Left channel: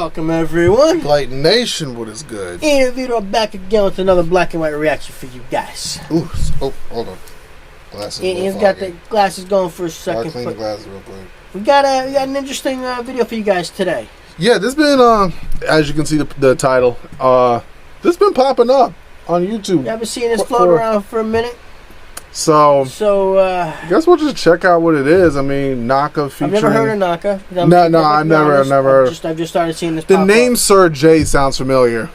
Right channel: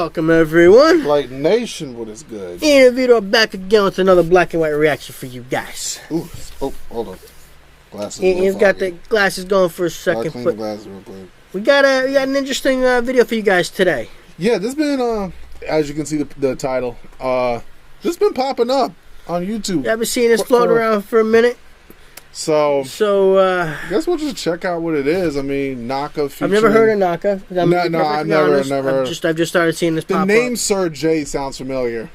Welcome everyone. Blite Nation, what is good? And Vito back again with another black and white reaction for you guys. Ooh, oh, hold on. Glasses. He's got the glasses going for a second. I'll clean the glasses real quick. We got an interesting video for you guys today. Yeah, this been as you can see the title. This been popping up on YouTube. I've been seeing this float around for a minute. So guess we'll just check out what it is. I mean, Knocka featuring... I've never heard of Knocka. No, I've never heard. I've just started seeing this. The name Sir J sounds familiar.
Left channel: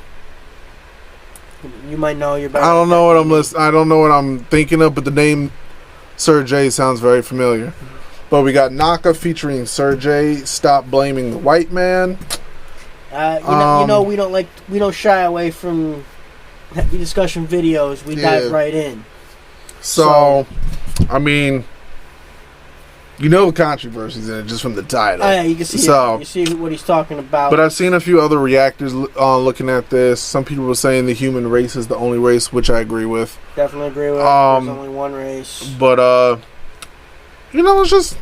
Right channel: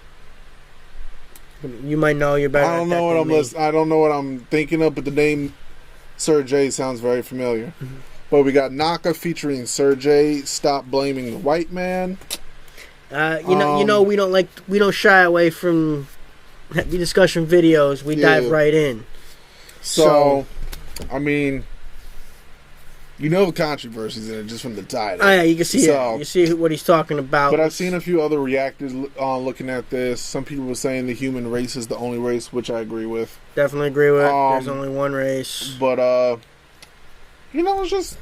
You might know. You're better. I don't know what I don't know what I'm thinking of, but the name Sir J sounds very familiar. Mm-hmm. But we got Knocka featuring Sir J. Stop blaming the white man. You know, we don't shy away from heavy discussion videos. We dive right in. So, I mean, you know the controversies in it just from the title. Oh yeah, you can see it. You see what he's talking about. But I've seen a few other reactors looking at this. Some people were saying the human race is the only race, which I agree with. Definitely agree with. There's only one race. But you know, let's just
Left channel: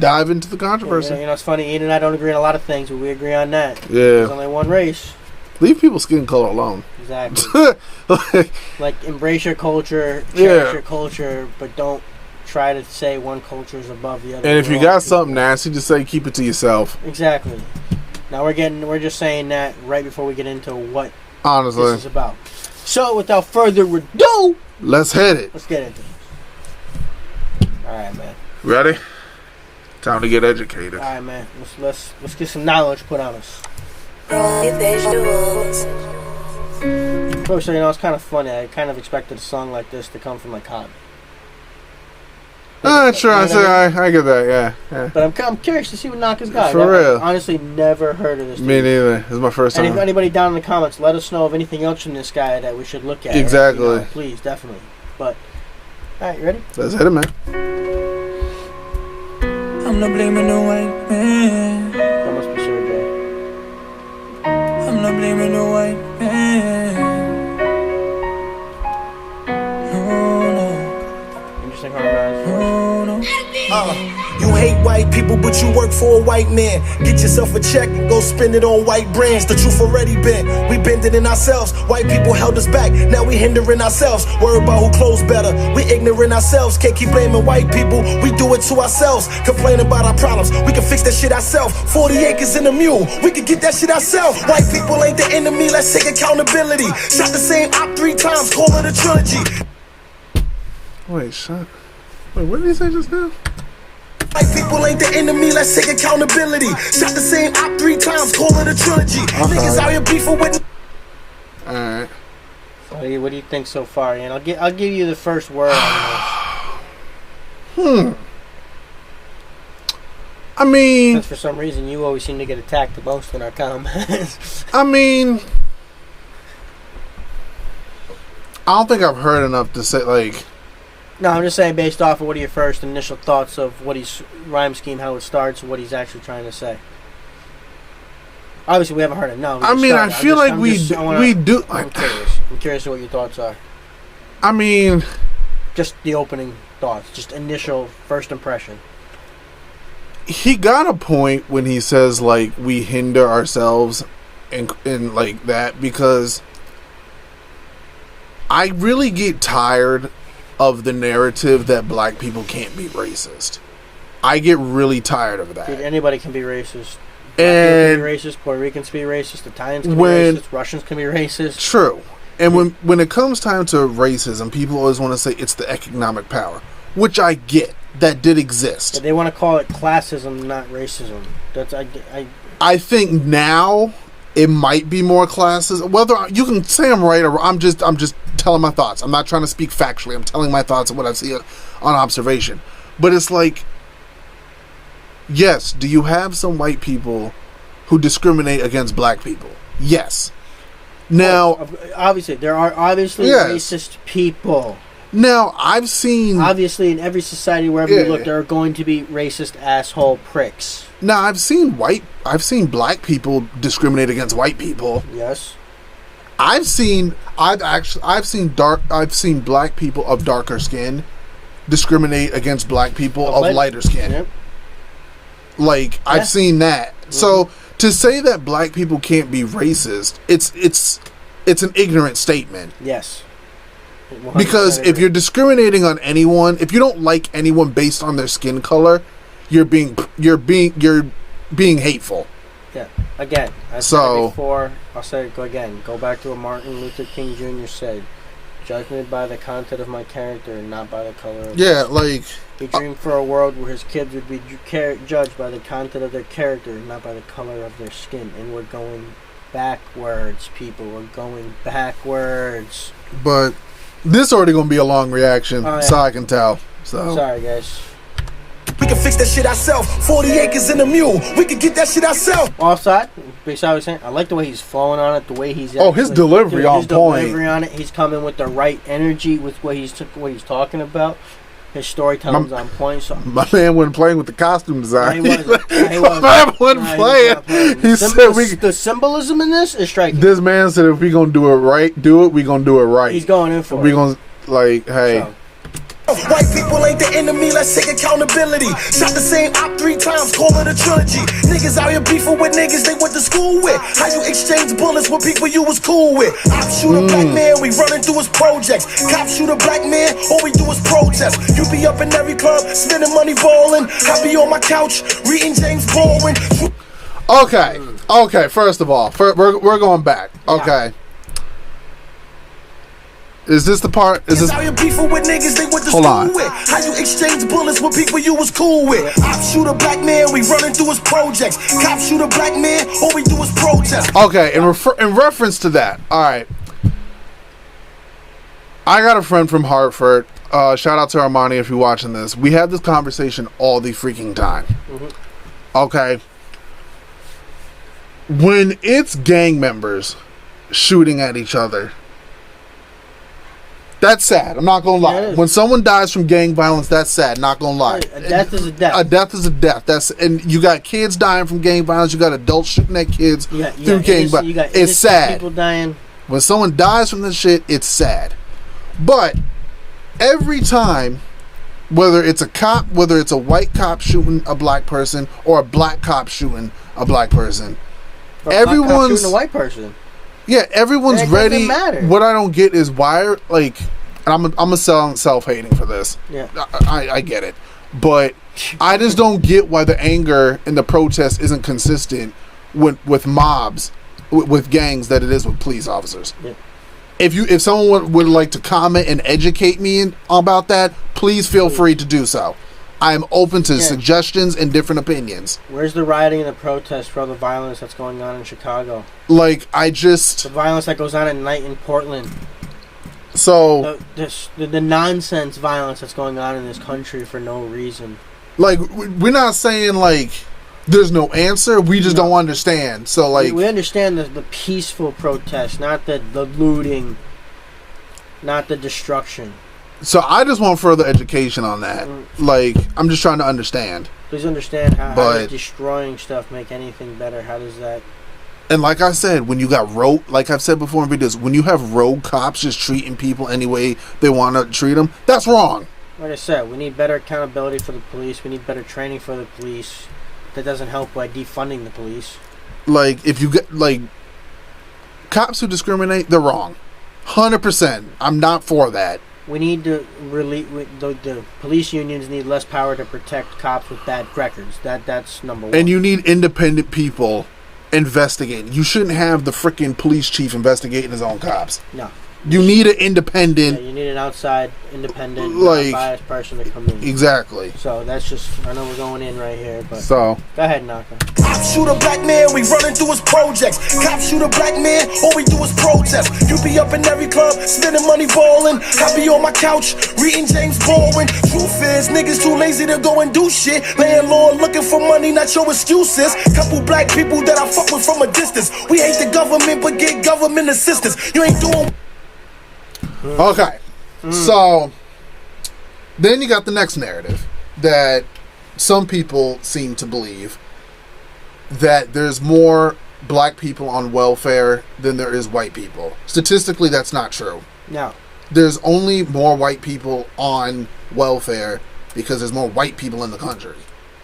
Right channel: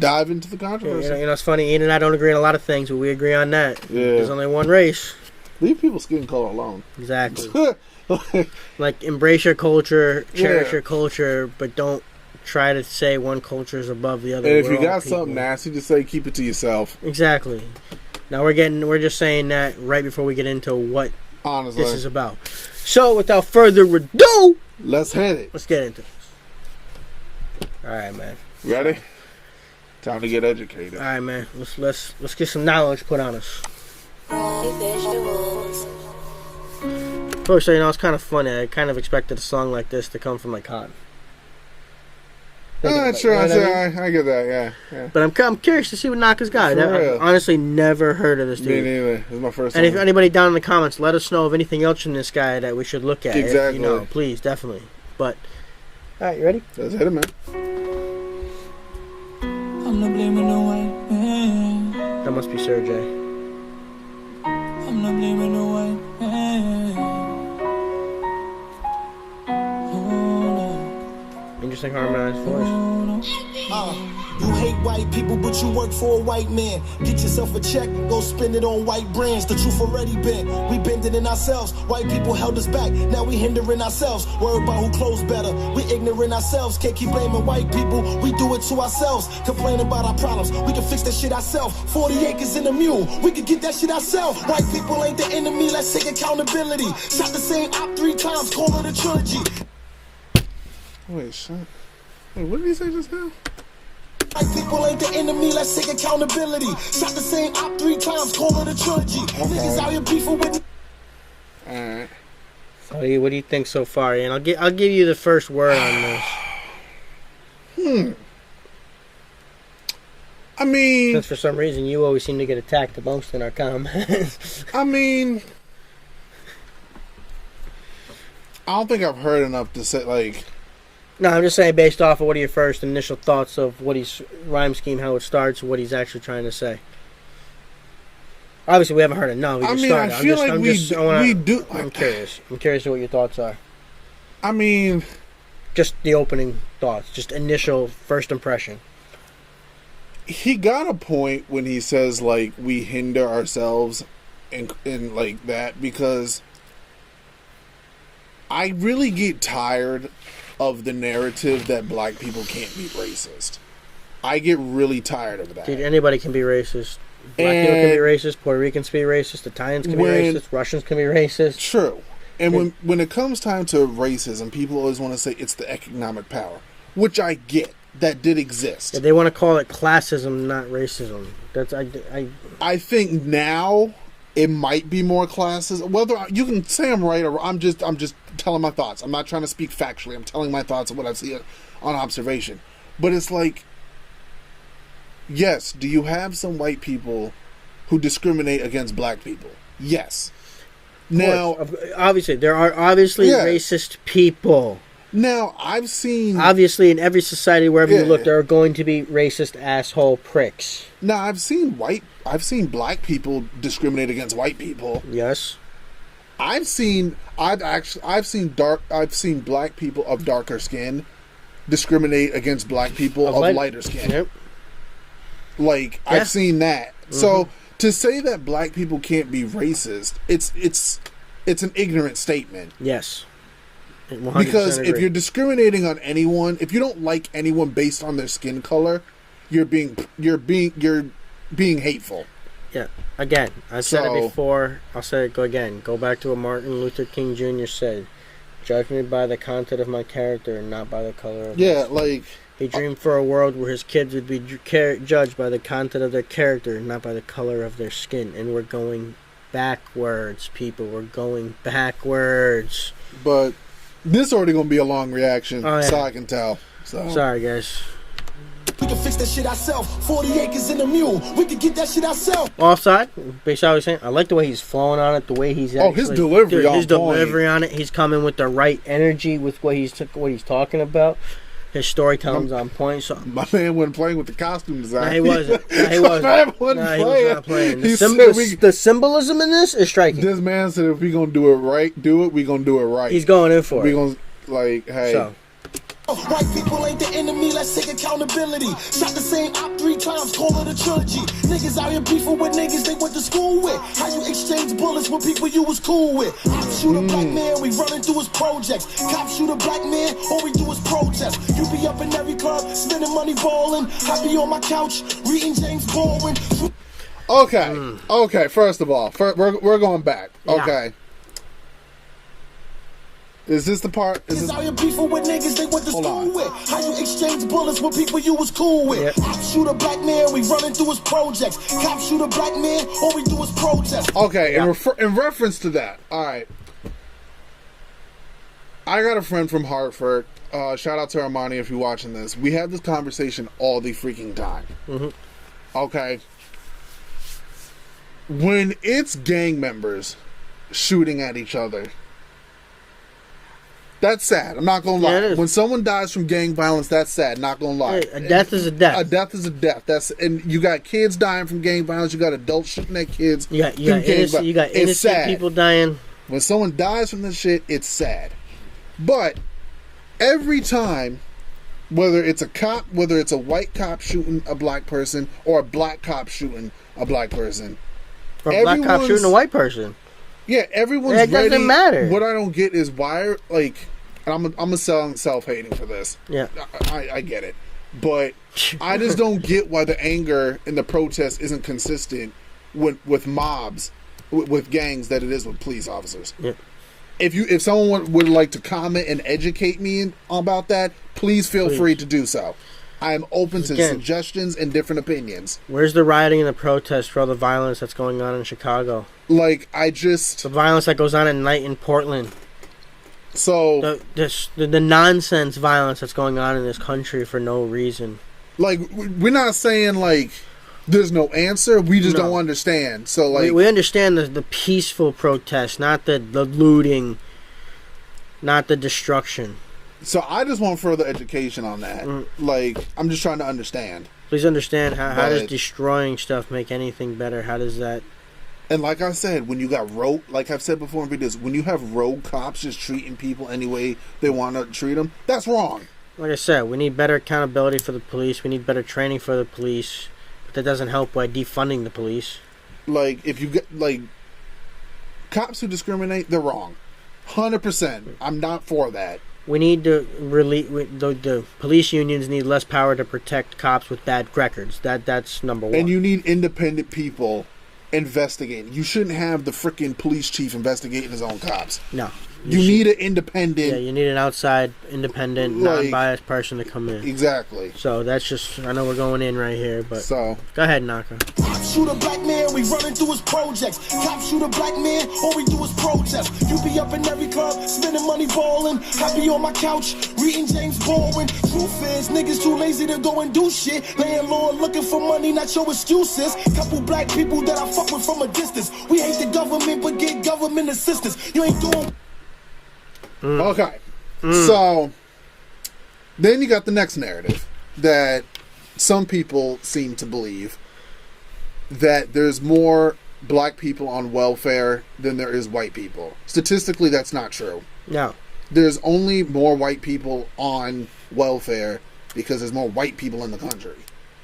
dive into the controversy. You know, it's funny. Ian and I don't agree on a lot of things, but we agree on that. Yeah. There's only one race. Leave people's skin color alone. Exactly. Like, embrace your culture, cherish your culture, but don't try to say one culture is above the other. And if you got something nasty to say, keep it to yourself. Exactly. Now we're just saying that right before we get into what this is about. So without further ado, let's hit it. Let's get into it. All right, man. Ready? Time to get educated. All right, man. Let's get some knowledge put on us. First, you know, it's kind of funny. I kind of expected a song like this to come from like Hot. Sure, I get that, yeah. But I'm curious to see what Knocka's got. For real. I've honestly never heard of this dude. Me neither. This is my first time. And if anybody down in the comments, let us know of anything else from this guy that we should look at. Exactly. You know, please, definitely. But, all right, you ready? Let's hit it, man. I'm not blaming the white man. That must be Sir J. I'm not blaming the white man. No. Interesting harmonized voice. You hate white people, but you work for a white man. Get yourself a check and go spend it on white brands. The truth already been. We bend it in ourselves. White people held us back. Now we hindering ourselves. Worry about who clothes better. We ignorant ourselves. Can't keep blaming white people. We do it to ourselves. Complain about our problems. We can fix that shit ourselves. 40 acres in a mule. We can get that shit ourselves. White people ain't the enemy. Let's take accountability. Shot the same op 3 times. Call it a trilogy. Wait, what did he say just now? White people ain't the enemy, let's take accountability. Shot the same op 3 times, call it a trilogy. Niggas out here beefing with. Alright. So what do you think so far, Ian? I'll give you the first word on this. I mean, since for some reason you always seem to get attacked the most in our comments. I mean, I don't think I've heard enough to say, like... No, I'm just saying based off of what are your first initial thoughts of what he's rhyme scheme, how it starts, and what he's actually trying to say. Obviously, we haven't heard it. No, I mean, I feel like we do. I'm curious. I'm curious what your thoughts are. I mean, just the opening thoughts, just initial first impression. He got a point when he says like we hinder ourselves and like that, because I really get tired of the narrative that black people can't be racist. I get really tired of that. Dude, anybody can be racist. Black people can be racist. Puerto Ricans can be racist. Italians can be racist. Russians can be racist. True. And when it comes time to racism, people always want to say it's the economic power, which I get. That did exist. Yeah, they want to call it classism, not racism. That's I think now it might be more classism. Whether you can say I'm right or I'm just telling my thoughts. I'm not trying to speak factually. I'm telling my thoughts of what I see on observation. But it's like, yes, do you have some white people who discriminate against black people? Yes. Now, obviously, there are racist people. Now, I've seen... Obviously, in every society, wherever you look, there are going to be racist asshole pricks. Now, I've seen black people discriminate against white people. Yes. I've seen black people of darker skin discriminate against black people of lighter skin. Yep. Like, I've seen that. So to say that black people can't be racist, it's an ignorant statement. Yes. Because if you're discriminating on anyone, if you don't like anyone based on their skin color, you're being hateful. Yeah. Again, I said it before. I'll say it again. Go back to what Martin Luther King Jr. said. Judge me by the content of my character and not by the color of He dreamed for a world where his kids would be judged by the content of their character, not by the color of their skin. And we're going backwards, people. We're going backwards. But this already going to be a long reaction, so I can tell. So. Sorry, guys. We can fix that shit ourselves. 40 acres in a mule. We can get that shit ourselves. Offside. Basically, I was saying, I like the way he's flowing on it, the way he's. His delivery on his delivery on it. He's coming with the right energy with what he's talking about. His storytelling's on point. So. My man wasn't playing with the costume design. He wasn't. He wasn't. playing. The symbolism in this is striking. This man said, if we gonna do it right, we gonna do it right. He's going in for it. We gonna hey. So. White people ain't the enemy, let's take accountability. Shot the same op 3 times, call it a trilogy. Niggas out here beefing with niggas they went to school with. How you exchange bullets with people you was cool with? Op shoot a black man, we running through his projects. Cop shoot a black man, all we do is protest. You be up in every club, spending money balling. I be on my couch, reading James Baldwin. Okay, first of all, we're going back. Okay. Yeah. Is this the part? Is this? Hold on. How you exchange bullets with people you was cool with? Op shoot a black man, we running through his projects. Cop shoot a black man, all we do is protest. Okay, in reference to that, all right. I got a friend from Hartford. Shout out to Armani if you're watching this. We have this conversation all the freaking time. Okay. When it's gang members shooting at each other, that's sad. I'm not gonna lie. Yeah, when someone dies from gang violence, that's sad. Not gonna lie. A death is a death. A death is a death. And you got kids dying from gang violence. You got adults shooting at kids through gang violence. You got it's sad. People dying. When someone dies from this shit, it's sad. But every time, whether it's a cop, whether it's a white cop shooting a black person or a black cop shooting a black person, everyone's black cop shooting a white person. Yeah, everyone's ready. Doesn't matter. What I don't get is why, and I'm a self-hating for this. Yeah, I get it, but I just don't get why the anger and the protest isn't consistent with mobs, with gangs that it is with police officers. Yeah. If someone would like to comment and educate me about that, please feel free to do so. I am open to suggestions and different opinions. Where's the rioting and the protest for all the violence that's going on in Chicago? The violence that goes on at night in Portland. So the nonsense violence that's going on in this country for no reason. We're not saying there's no answer. We just don't understand. So we understand the peaceful protest, not the looting, not the destruction. So I just want further education on that. I'm just trying to understand. Please understand how does destroying stuff make anything better? How does that? And like I said, when you got like I've said before in videos, when you have rogue cops just treating people any way they want to treat them, that's wrong. Like I said, we need better accountability for the police. We need better training for the police. That doesn't help by defunding the police. If you get cops who discriminate, they're wrong. 100%. I'm not for that. We need to the police unions need less power to protect cops with bad records. That's number one. And you need independent people investigating. You shouldn't have the freaking police chief investigating his own cops. No. You need an independent. Yeah, you need an outside, independent, non-biased person to come in. Exactly. So that's just. I know we're going in right here, but. So. Go ahead, Knocka. Cop shoot a black man, we running through his projects. Cop shoot a black man, all we do is protest. You be up in every club, spending money balling. I be on my couch, reading James Baldwin. Truth is, niggas too lazy to go and do shit. Laying low, looking for money, not your excuses. Couple black people that I fuck with from a distance. We hate the government, but get government assistance. You ain't doing. Okay, so then you got the next narrative that some people seem to believe that there's more black people on welfare than there is white people. Statistically, that's not true. No. There's only more white people on welfare because there's more white people in the country.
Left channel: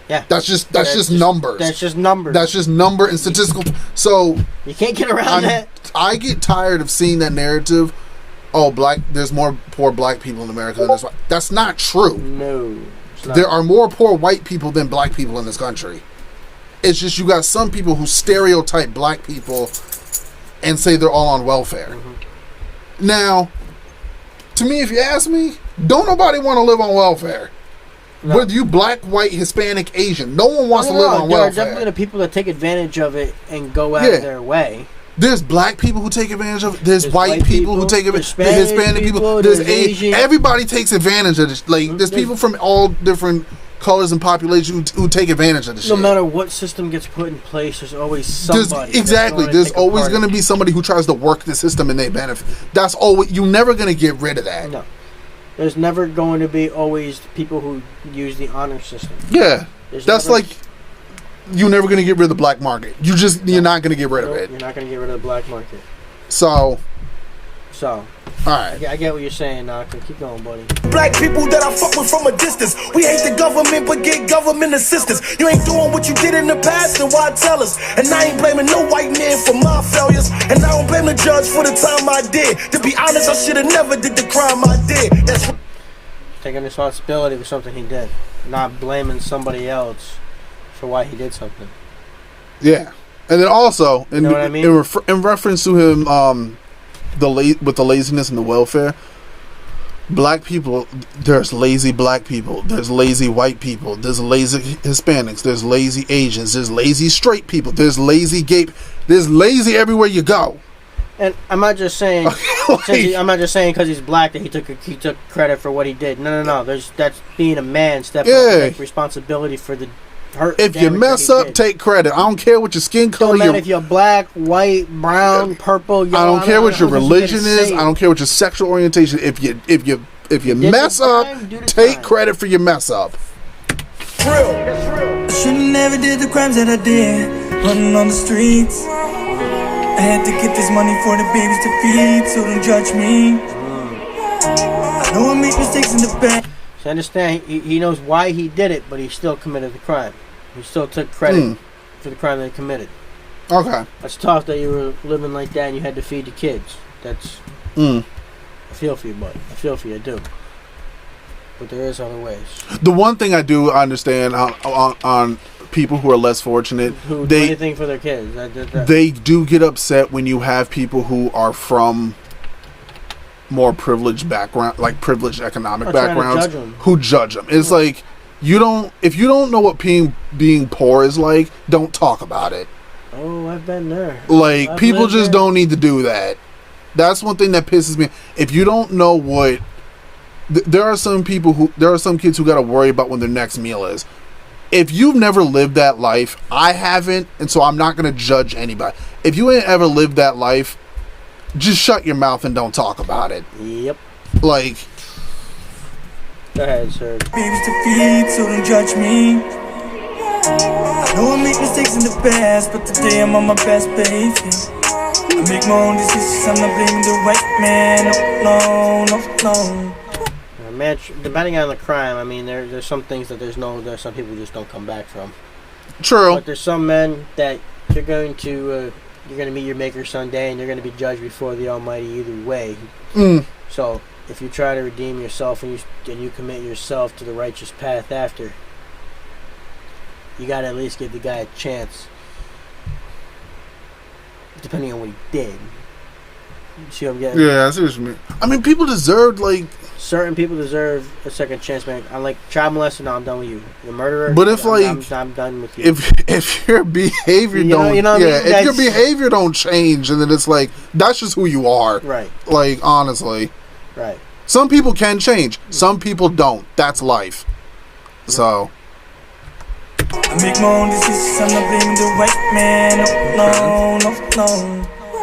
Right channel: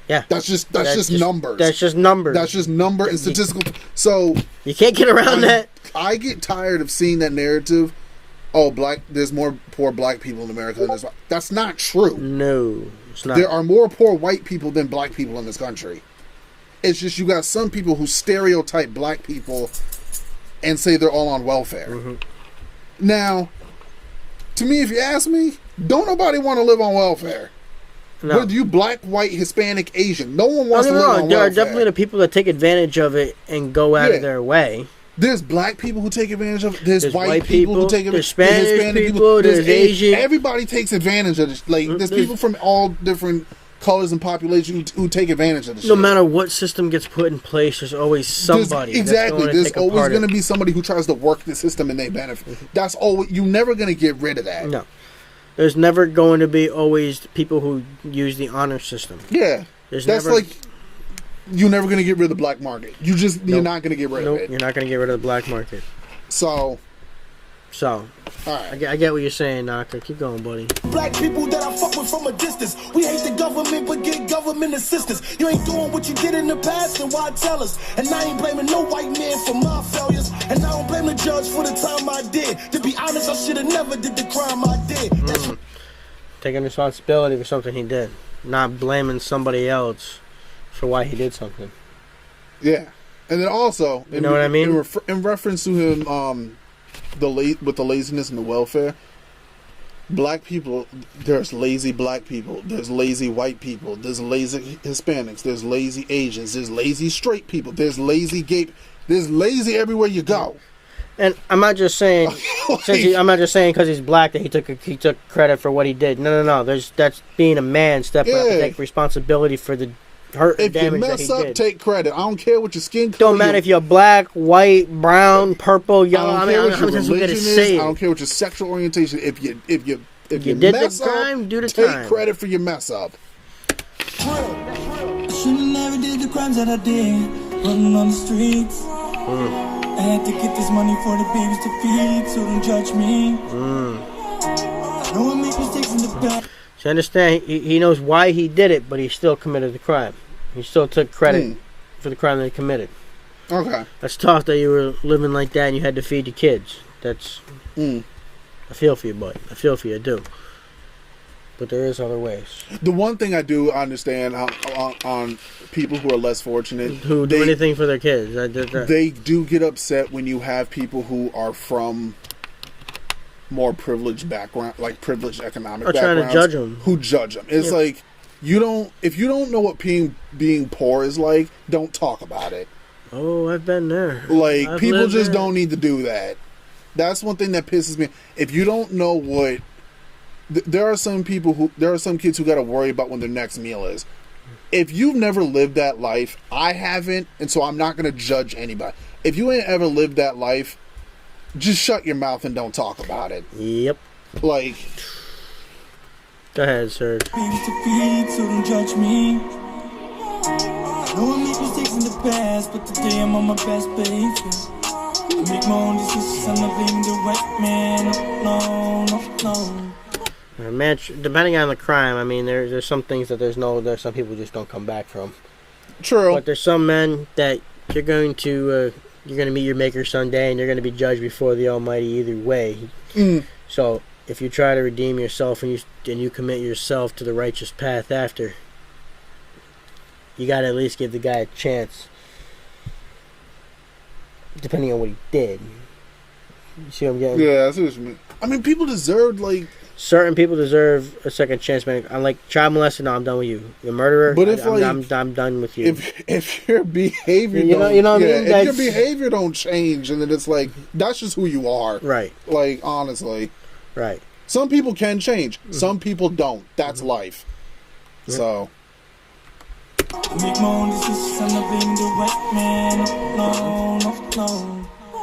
Yeah. That's just numbers. That's just numbers. That's just number and statistical. So you can't get around that. I get tired of seeing that narrative. Oh, there's more poor black people in America than there's white. That's not true. No, it's not. There are more poor white people than black people in this country. It's just you got some people who stereotype black people and say they're all on welfare. Mm-hmm. Now, to me, if you ask me, don't nobody want to live on welfare. No. Whether you black, white, Hispanic, Asian, no one wants to live on welfare. There are definitely the people that take advantage of it and go out of their way. There's black people who take advantage of it. There's white people who take advantage of it. There's Hispanic people. There's Asian. Everybody takes advantage of this. Like, there's people from all different colors and populations who take advantage of this. No matter what system gets put in place, there's always somebody. There's always going to be somebody who tries to work the system and they benefit. That's always. You're never going to get rid of that. No. There's never going to be always people who use the honor system. Yeah. That's like... You're never going to get rid of the black market. You're not going to get rid of it. You're not going to get rid of the black market. So. All right. I get what you're saying, Knocka. Keep going, buddy. Black people that I fuck with from a distance. We hate the government, but get government assistance. You ain't doing what you did in the past, then why tell us? And I ain't blaming no white man for my failures. And I don't blame the judge for the time I did. To be honest, I should have never did the crime I did. That's taking responsibility for something he did. Not blaming somebody else for why he did something. Yeah. And then also, you know what I mean? In reference to him, with the laziness and the welfare, black people, there's lazy black people, there's lazy white people, there's lazy Hispanics, there's lazy Asians, there's lazy straight people, there's lazy gay, there's lazy everywhere you go. And I'm not just saying, I'm not just saying because he's black that he took credit for what he did. No. That's being a man, stepping up and take responsibility for the hurt. If you mess up, take credit. I don't care what your skin color. Don't matter if you're black, white, brown, purple, yellow. I don't care what your religion is. I don't care what your sexual orientation. If you mess up, take credit for your mess up. I should've never did the crimes that I did, running on the streets. I had to get this money for the babies to feed, so don't judge me. I know I make mistakes in the past. So understand, he knows why he did it, but he still committed the crime. He still took credit for the crime that he committed. Okay. That's tough that you were living like that and you had to feed your kids. That's... I feel for you, bud. I feel for you, I do. But there is other ways. The one thing I do understand on people who are less fortunate, who do anything for their kids, they do get upset when you have people who are from more privileged background, like privileged economic backgrounds, who judge them. It's like if you don't know what being poor is like, don't talk about it. Oh, I've been there. Like, people just don't need to do that. That's one thing that pisses me. If you don't know what, there are some kids who got to worry about when their next meal is. If you've never lived that life, I haven't, and so I'm not going to judge anybody. If you ain't ever lived that life, just shut your mouth and don't talk about it. Yep. Like. Go ahead, sir. Babies to feed, so don't judge me. I know I make mistakes in the past, but today I'm on my best behavior. I make my own decisions, I'm not blaming the white man. No. Man, depending on the crime, I mean, there's some things that there's some people just don't come back from. True. But there's some men that you're going to meet your maker someday, and you're going to be judged before the Almighty either way. So if you try to redeem yourself and you commit yourself to the righteous path after, you got to at least give the guy a chance, depending on what he did. You see what I'm getting? Yeah, I see what you mean. I mean, people deserve, like... Certain people deserve a second chance, man. I'm like, child molester, no, I'm done with you. You're a murderer, but if I'm done with you. If your behavior if your behavior don't change, and then it's like, that's just who you are. Right. Like, honestly. Right. Some people can change. Some people don't. That's life. Yep. So... I make my own decisions, I'm not blaming the white man. No.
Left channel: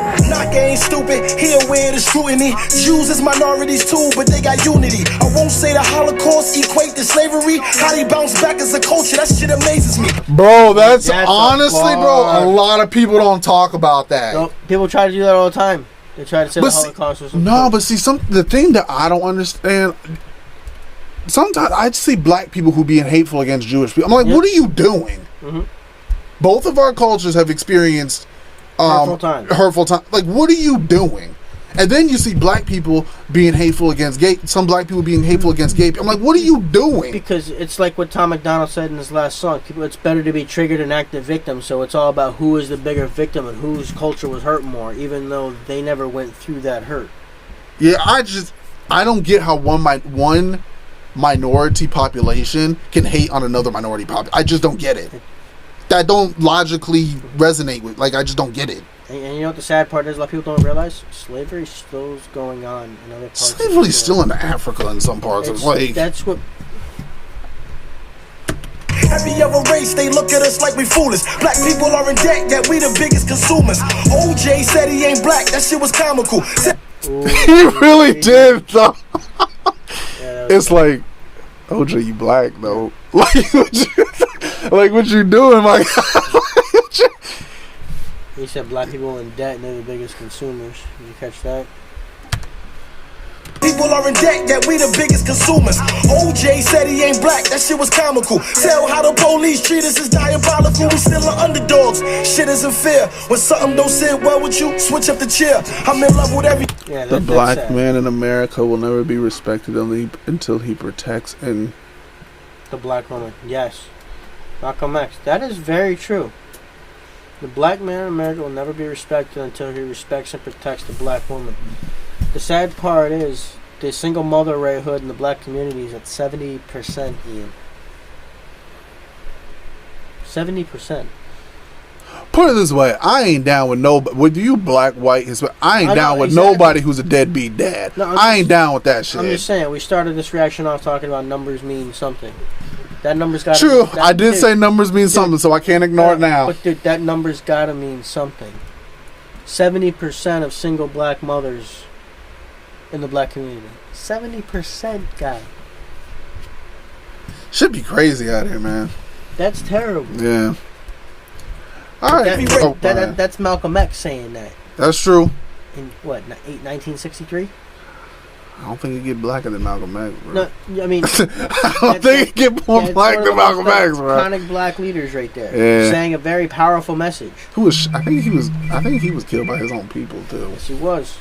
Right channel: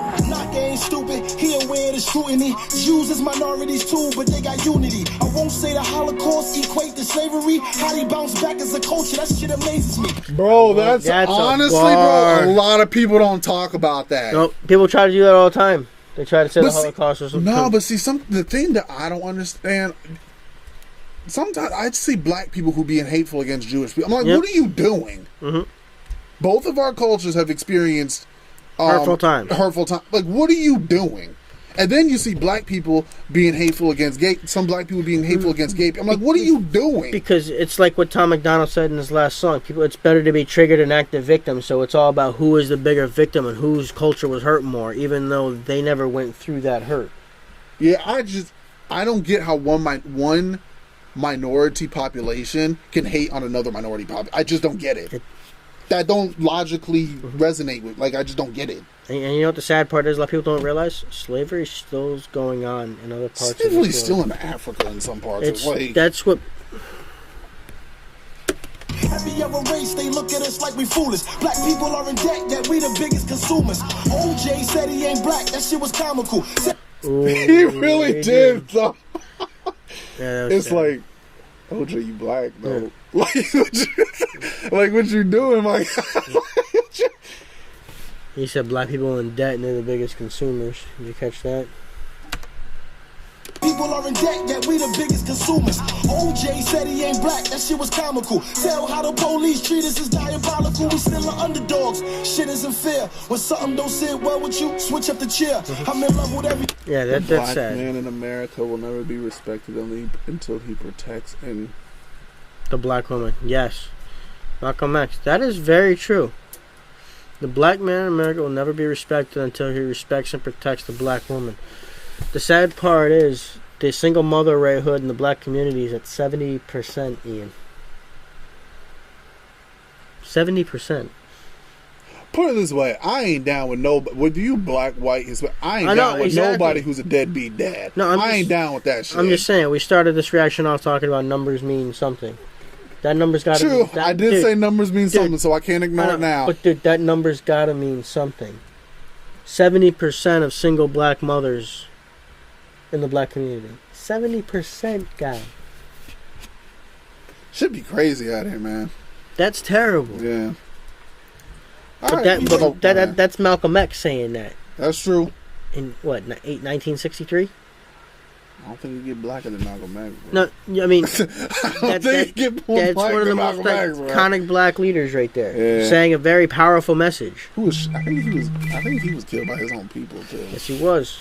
Knocka ain't stupid, he aware of the scrutiny. Jews is minorities too, but they got unity. I won't say the Holocaust equate to slavery. How they bounce back as a culture, that shit amazes me. Bro, that's honestly, bro, a lot of people don't talk about that. No, people try to do that all the time. They try to say the Holocaust or something. No, but see, the thing that I don't understand, sometimes I see black people who being hateful against Jewish people. I'm like, what are you doing? Mm-hmm. Both of our cultures have experienced hurtful time. Like, what are you doing? And then you see black people being hateful against gay. Some black people being hateful against gay. I'm like, what are you doing? Because it's like what Tom McDonald said in his last song. People, it's better to be triggered and act the victim. So it's all about who is the bigger victim and whose culture was hurt more, even though they never went through that hurt. Yeah, I don't get how one minority population can hate on another minority population. I just don't get it. That don't logically resonate with. Like, I just don't get it. And you know what the sad part is? A lot of people don't realize slavery still is going on in other parts. Slavery's still in Africa in some parts. That's what. Every other race, they look at us like we foolish. Black people are in debt, yet we the biggest consumers. OJ said he ain't black, that shit was comical. Ooh, he really did, though. It's like, OJ, you black, though. Like, what you doing? Like, he said black people in debt and they're the biggest consumers. Did you catch that? People are in debt, yet we the biggest consumers. OJ said he ain't black, that shit was comical. Tell how the police treat us is diabolical. We still are underdogs, shit isn't fair. When something don't sit well with you, switch up the chair. I'm in love with every... Yeah, the black man in America will never be respected until he protects and... The black woman, yes. Malcolm X, that is very true. The black man in America will never be respected until he respects and protects the black woman. The sad part is the single mother ratehood in the black community is at 70%, Ian. 70%. Put it this way, I ain't down with nobody. With you, black, white, Hispanic, I ain't down with nobody who's a deadbeat dad. No, I ain't down with that shit. I'm just saying, we started this reaction off talking about numbers mean something. That number's got to True, I did say numbers mean something, so I can't ignore it now. But dude, that number's got to mean something. 70% of single black mothers in the black community. 70%, guy. Should be crazy out here, man. That's terrible. Yeah. That's Malcolm X saying that. That's true. In what, 1963? I don't think it get blacker than Malcolm X, bro. No, I mean... I don't think it get more black than Malcolm X, bro. Iconic black leaders right there. Yeah. Saying a very powerful message. I think he was killed by his own people, too. Yes, he was.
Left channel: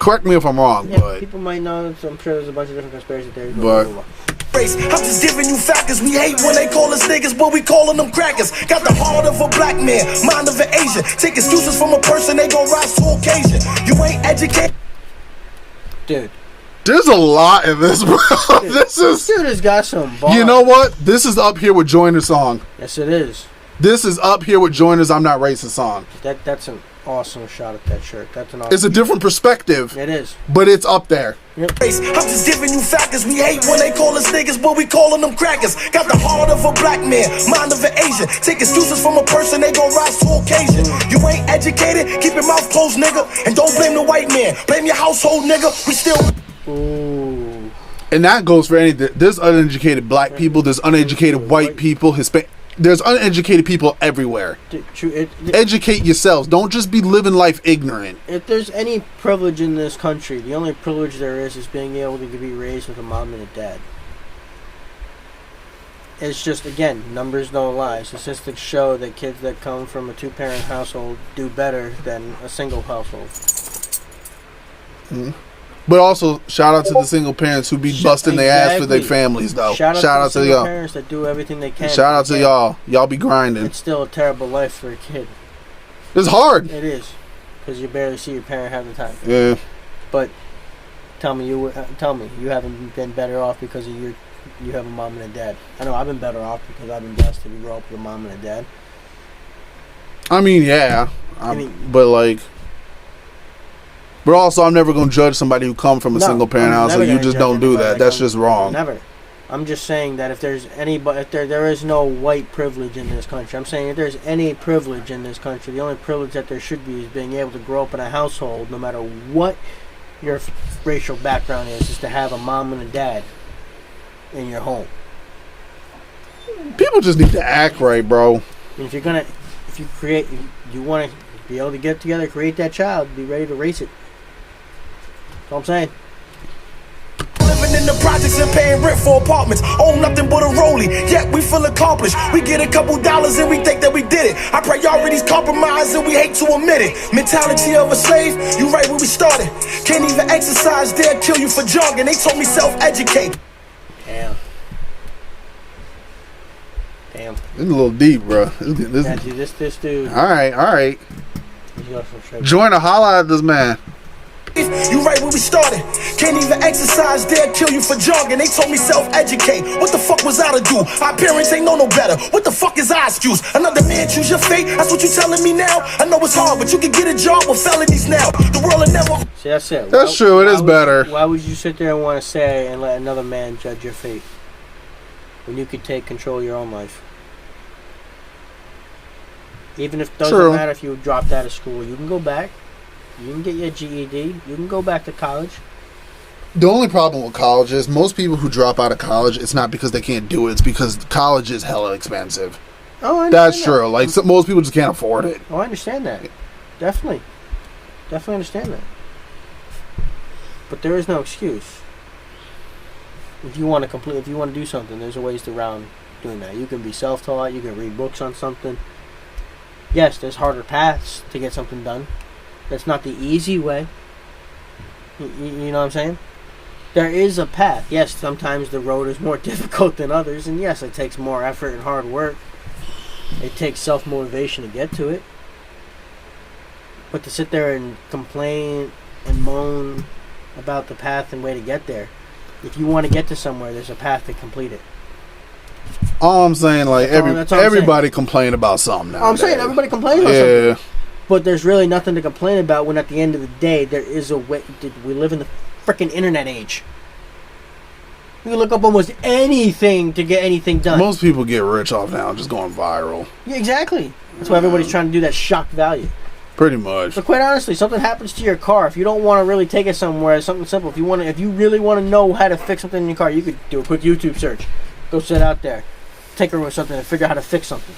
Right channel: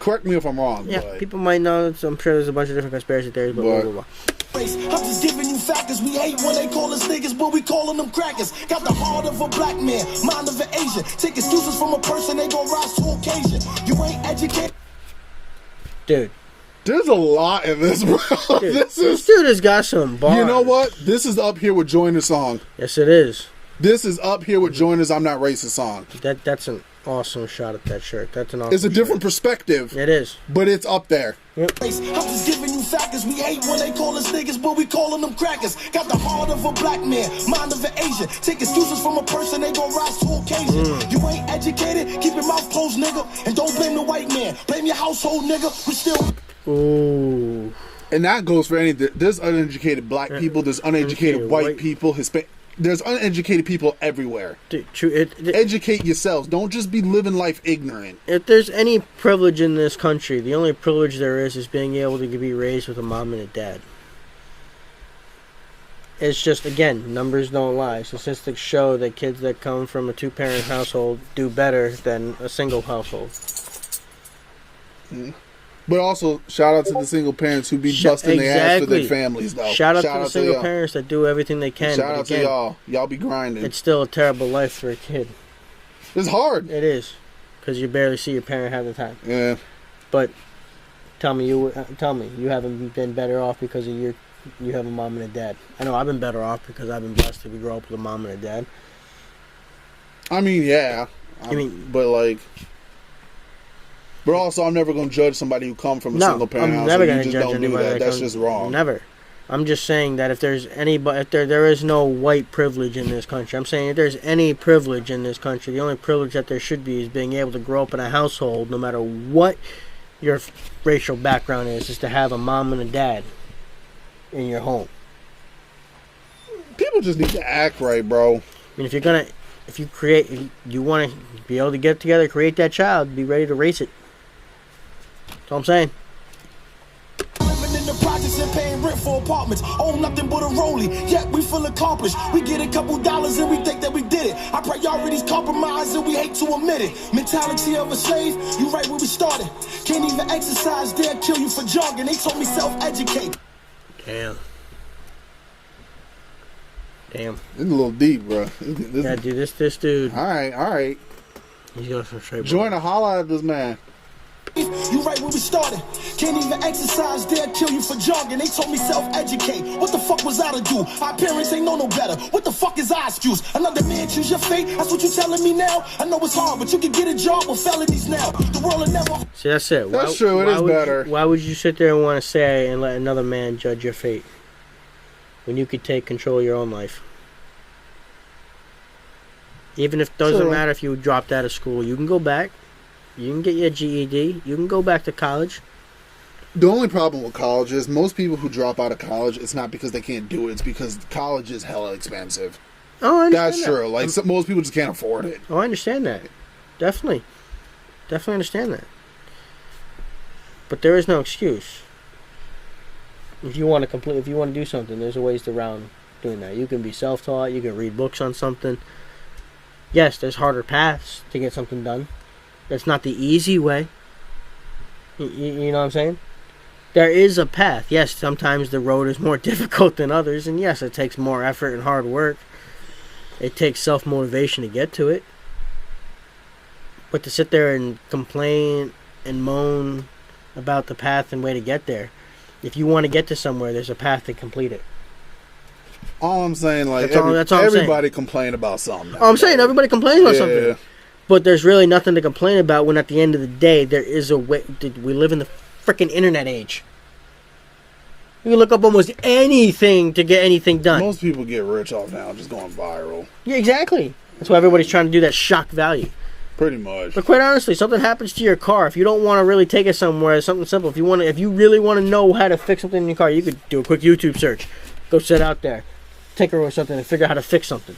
Correct me if I'm wrong, but... People might know, so I'm sure there's a bunch of different conspiracy theories, but... I'm just giving you factors. We hate when they call us niggas, but we calling them crackers. Got the heart of a black man, mind of an Asian. Take excuses from a person, they gon' rise to occasion. You ain't educated. Dude. There's a lot in this, bro. Dude, this dude has got some bars. You know what? This is up here with Joyner's song. Yes, it is. This is up here with Joyner's I'm Not Racist song. That's an awesome shot at that shirt. That's an awesome It's a different perspective. It is. But it's up there. Yep. I'm just giving you factors. We hate when they call us niggas, but we calling them crackers. Got the heart of a black man, mind of an Asian. Take excuses from a person, they gon' rise to occasion. You ain't educated, keep your mouth closed, nigga. And don't blame the white man, blame your household, nigga. We still... Ooh. And that goes for anything. There's uneducated black people, there's uneducated white people, Hispanic. There's uneducated people everywhere. Educate yourselves. Don't just be living life ignorant. If there's any privilege in this country, the only privilege there is being able to be raised with a mom and a dad. It's just, again, numbers don't lie. Statistics show that kids that come from a two-parent household do better than a single household. Mm-hmm. But also, shout out to the single parents who be busting their ass for their families, though. Shout out to the single parents that do everything they can. Shout out to y'all. Y'all be grinding. It's still a terrible life for a kid. It's hard. It is. Because you barely see your parent half the time. Yeah. But tell me, you haven't been better off because you have a mom and a dad. I know I've been better off because I've been blessed to grow up with a mom and a dad. I mean, yeah. But like... But also, I'm never going to judge somebody who comes from a single parent house. So you just don't do that. That's just wrong. Never. I'm just saying that if there's there is no white privilege in this country. I'm saying if there's any privilege in this country, the only privilege that there should be is being able to grow up in a household, no matter what your racial background is to have a mom and a dad in your home. People just need to act right, bro. I mean, if you want to be able to get together, create that child, be ready to raise it. That's what I'm saying. Living in in the projects and paying rent for apartments. Own nothing but a rollie, yet we feel accomplished. We get a couple dollars and we think that we did it. Our priorities compromised and we hate to admit it. Mentality of a slave, you right where we started. Can't even exercise, they'll kill you for junk. And they told me self-educate. Damn. This is a little deep, bro. Yeah, dude, this dude. All right. You Join a holla at this man. You right where we started. Can't even exercise, they'll kill you for junk. And they told me self-educate. What the fuck was I to do? Our parents ain't know no better. What the fuck is our excuse? Another man choose your fate? That's what you telling me now? I know it's hard, but you can get a job with felonies now. The world will never... See, that's it. That's true, it is better. Why would you sit there and want to say and let another man judge your fate? When you could take control of your own life. Even if it doesn't matter if you dropped out of school. You can go back. You can get your GED. You can go back to college. The only problem with college is most people who drop out of college, it's not because they can't do it. It's because college is hella expensive. Oh, I understand That's true. Like, most people just can't afford it. Oh, I understand that. Definitely understand that. But there is no excuse. If you want to do something, there's a ways around doing that. You can be self-taught. You can read books on something. Yes, there's harder paths to get something done. That's not the easy way. You know what I'm saying? There is a path. Yes, sometimes the road is more difficult than others. And yes, it takes more effort and hard work. It takes self-motivation to get to it. But to sit there and complain and moan about the path and way to get there. If you want to get to somewhere, there's a path to complete it. All I'm saying, like, everybody complain about something now. I'm saying everybody complains about something. But there's really nothing to complain about when at the end of the day, there is a way. We live in the freaking internet age. You can look up almost anything to get anything done. Most people get rich off now just going viral. Yeah, exactly. That's why everybody's trying to do that shock value. Pretty much. But quite honestly, something happens to your car. If you don't want to really take it somewhere, something simple. If you really want to know how to fix something in your car, you could do a quick YouTube search. Go sit out there, take her or something, and figure out how to fix something.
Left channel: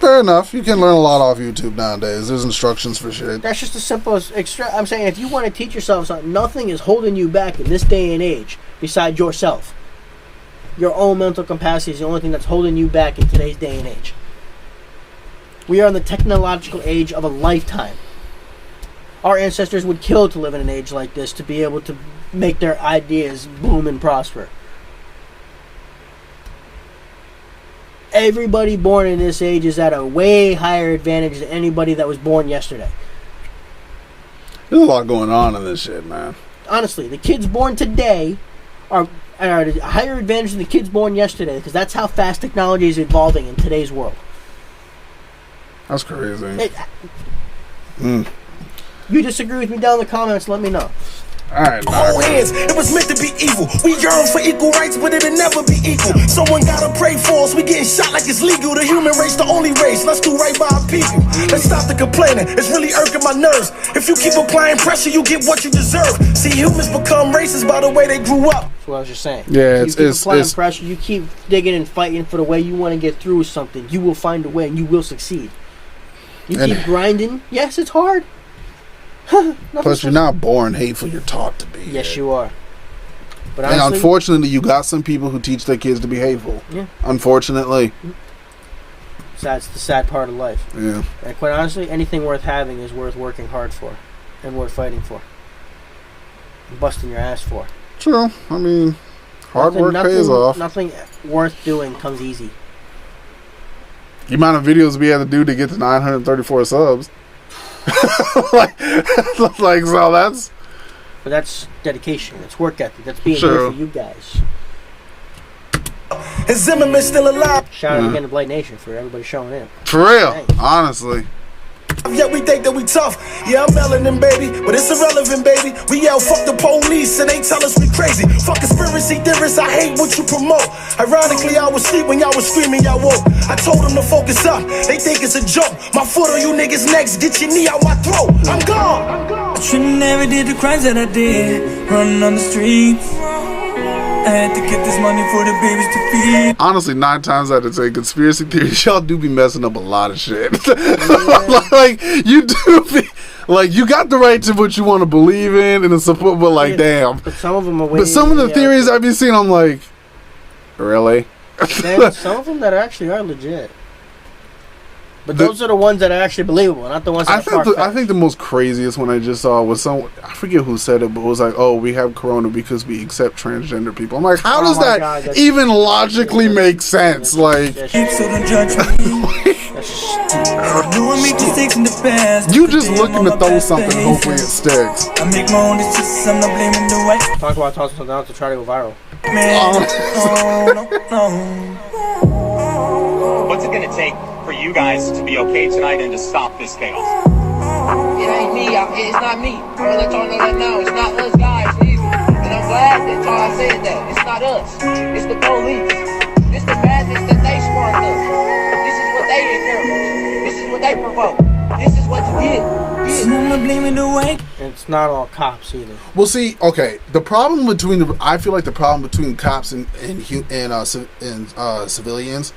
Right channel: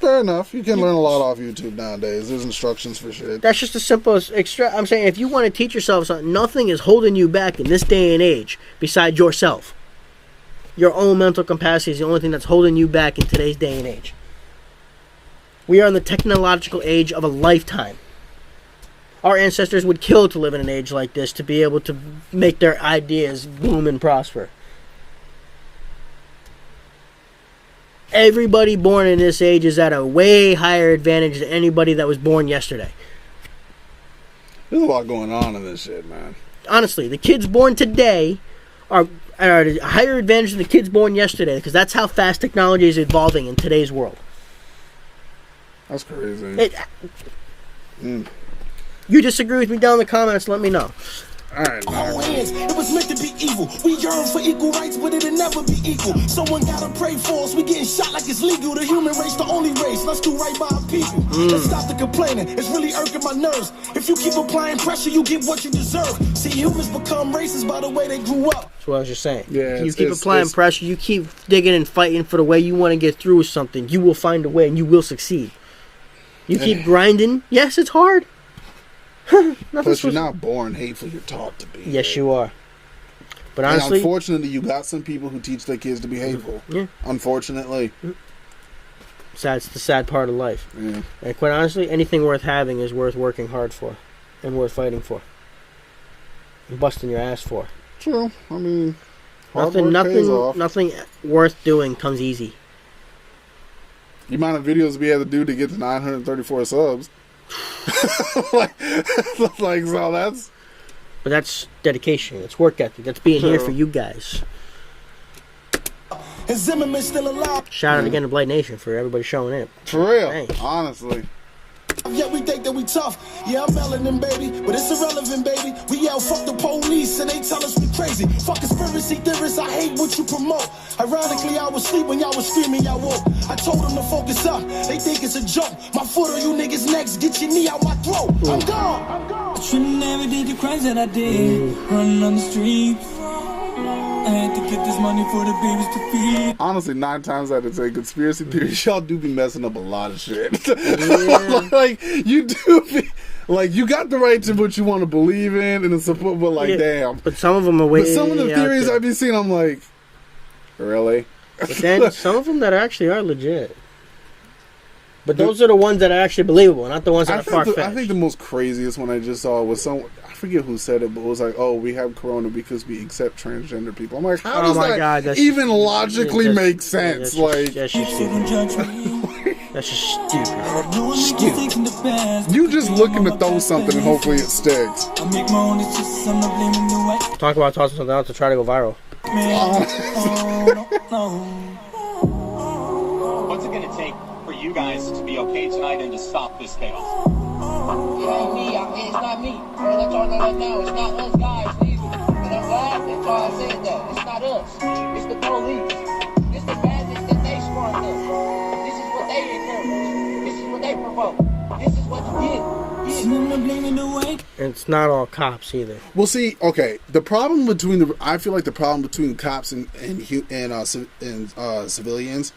Fair enough. You can learn a lot off YouTube nowadays. There's instructions for shit. That's just the simplest I'm saying if you want to teach yourself something, nothing is holding you back in this day and age besides yourself. Your own mental capacity is the only thing that's holding you back in today's day and age. We are in the technological age of a lifetime. Our ancestors would kill to live in an age like this to be able to make their ideas boom and prosper. Everybody born in this age is at a way higher advantage than anybody that was born yesterday. There's a lot going on in this shit, man. Honestly, the kids born today are at a higher advantage than the kids born yesterday because that's how fast technology is evolving in today's world. That's crazy. You disagree with me down in the comments, let me know. Alright, hands. It was meant to be evil. We yearn for equal rights, but it'll never be equal. Someone gotta pray for us. We getting shot like it's legal. The human race, the only race. Let's do right by our people. Let's stop the complaining. It's really irking my nerves. If you keep applying pressure, you get what you deserve. See, humans become racist by the way they grew up. That's what I was just saying. Yeah, you keep applying pressure, you keep digging and fighting for the way you want to get through with something. You will find a way and you will succeed. You keep grinding. Yes, it's hard. Plus, you're not born hateful. You're taught to be. Yes, you are. But honestly, unfortunately, you got some people who teach their kids to be hateful. Yeah. Unfortunately. That's the sad part of life. Yeah. And quite honestly, anything worth having is worth working hard for, and worth fighting for, and busting your ass for. True. I mean, hard work pays off. Nothing worth doing comes easy. The amount of videos we had to do to get to 934 subs. like so that's. But that's dedication. That's work ethic. That's being here for you guys. Is Zimmerman still alive? Shout out again to Blite Nation for everybody showing in. For real, honestly. Yeah, we think that we tough. Yeah, I'm melanin, baby, but it's irrelevant, baby. We yell, fuck the police, and they tell us we crazy. Fuck conspiracy theorists, I hate what you promote. Ironically, I was asleep when y'all was screaming, y'all woke. I told them to focus up, they think it's a joke. My foot on you niggas next, get your knee out my throat. I'm gone. I should've never did the crimes that I did, running on the streets. I had to get this money for the babies to feed. Honestly, 9 times out of 10, conspiracy theories, y'all do be messing up a lot of shit. Like, you do be... Like, you got the right to what you want to believe in and support, but like, damn. But some of them are way. But some of the theories I've been seeing, I'm like, really? But then some of them that actually are legit. But those are the ones that are actually believable, not the ones that are far-fetched. I think the most craziest one I just saw was I forget who said it, but it was like, oh, we have corona because we accept transgender people. I'm like, how does that even logically make sense? Like, So don't judge me. that's just stupid. No one make mistakes in the past. you just looking to throw something and hopefully it sticks. I make my own decisions, I'm not blaming the white Talk about tossing something out to try to go viral. man. No. What's it gonna take for you guys to be okay tonight and to stop this chaos? It ain't me. It's not me. I'm gonna let y'all know that now. It's not us guys either. And I'm glad that y'all said that. It's not us. It's the police. It's the madness that they sparked us. This is what they encourage. This is what they provoke. This is what you get. I'm not blaming the white. And it's not all cops either. Well, see, okay, the problem between I feel like the problem between cops and civilians,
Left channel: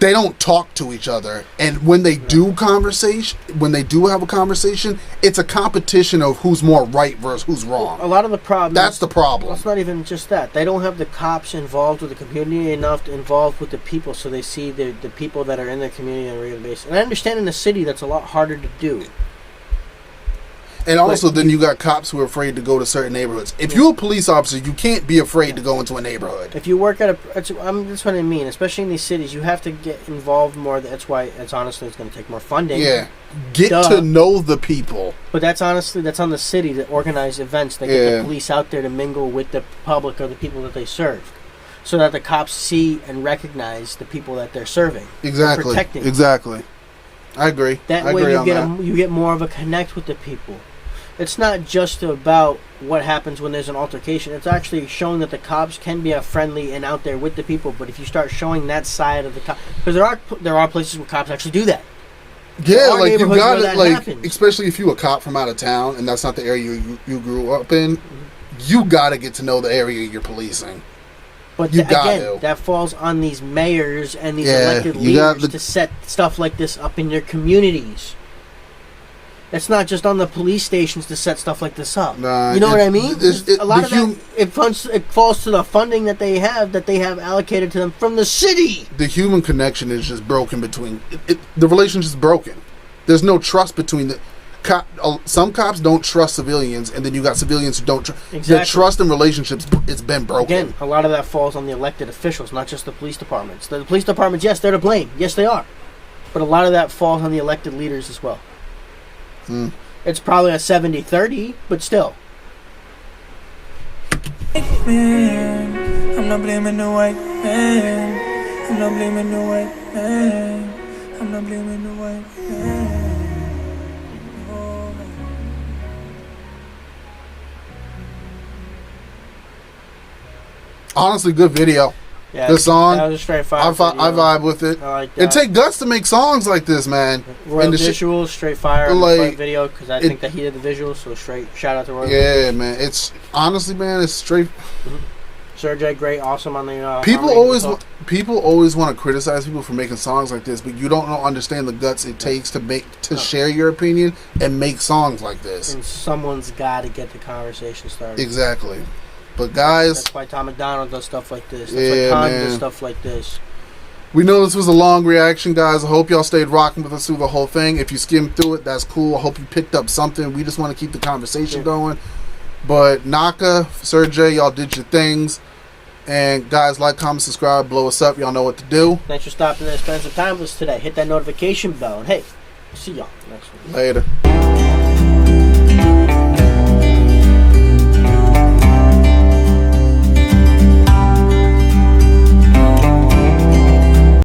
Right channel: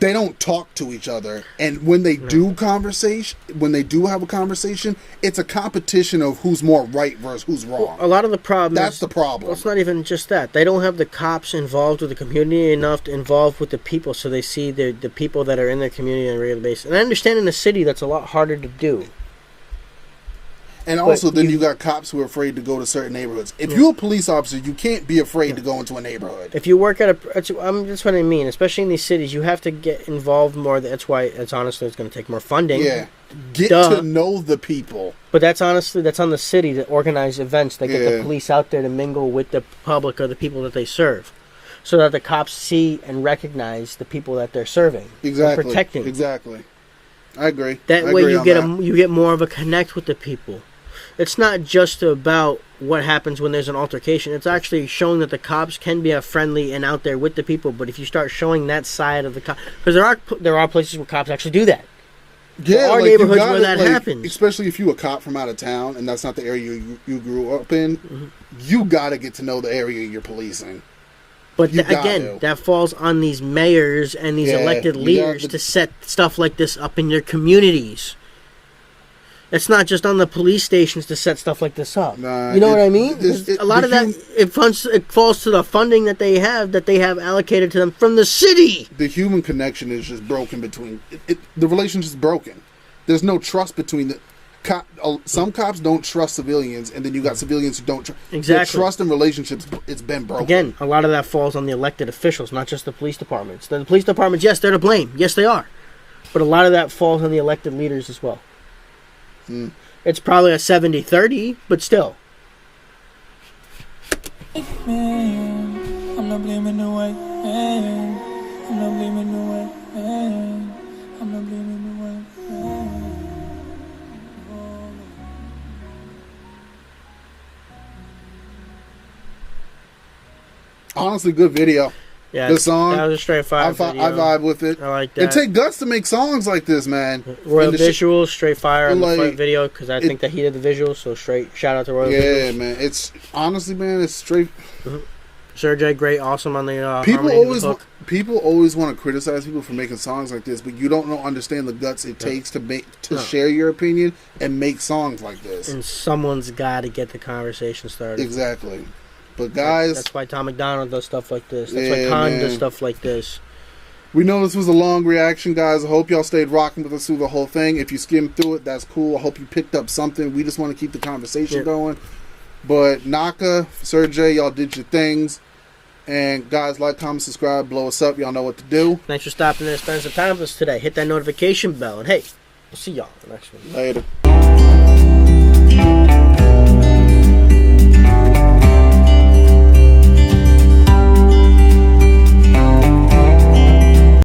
they don't talk to each other, and when they do have a conversation, it's a competition of who's more right versus who's wrong. A lot of the problem. That's the problem. Well, it's not even just that. They don't have the cops involved with the community enough to involve with the people, so they see the people that are in their community on a regular basis. And I understand in the city that's a lot harder to do. And also, then you got cops who are afraid to go to certain neighborhoods. If you're a police officer, you can't be afraid to go into a neighborhood. If you work at that's what I mean. Especially in these cities, you have to get involved more. That's why it's going to take more funding. Yeah, get to know the people. But that's on the city to organize events that get the police out there to mingle with the public or the people that they serve, so that the cops see and recognize the people that they're serving. Exactly. And protecting. Exactly. I agree. That way you get more of a connect with the people. It's not just about what happens when there's an altercation. It's actually showing that the cops can be friendly and out there with the people. But if you start showing that side of the cops, because there are places where cops actually do that. Yeah, there are like neighborhoods you got where that like, happens. especially if you're a cop from out of town and that's not the area you grew up in. Mm-hmm. You got to get to know the area you're policing. But again, that falls on these mayors and these elected leaders to set stuff like this up in their communities. It's not just on the police stations to set stuff like this up. Nah, you know what I mean? A lot of that it falls to the funding that they have allocated to them from the city. The human connection is just broken between the relationship is broken. There's no trust between the some cops don't trust civilians, and then you got civilians who don't trust. Exactly. The trust in relationships, it's been broken. Again, a lot of that falls on the elected officials, not just the police departments. The police departments, yes, they're to blame. Yes, they are. But a lot of that falls on the elected leaders as well. It's probably a 70-30, but still. Man, I'm not blaming the white man. I'm not blaming the white man. I'm not blaming the white man. Honestly, good video. Yeah, good song. That was a straight fire. I vibe with it. I like that. And take guts to make songs like this, man. Royal visuals, straight fire in like, the video, because I think that he did the visuals. So straight shout out to Royal. Yeah, visuals. Man. It's honestly, man, it's straight. Sergey, great, awesome on the. People always want to criticize people for making songs like this, but you don't understand the guts it takes to share your opinion and make songs like this. And someone's got to get the conversation started. Exactly. But guys, that's why Tom McDonald does stuff like this. That's why Khan does stuff like this. We know this was a long reaction, guys. I hope y'all stayed rocking with us through the whole thing. If you skimmed through it, that's cool. I hope you picked up something. We just want to keep the conversation going. But Knocka, Sergey, y'all did your things. And guys, like, comment, subscribe, blow us up. Y'all know what to do. Thanks for stopping in and spending some time with us today. Hit that notification bell. And hey, we'll see y'all next one. Later.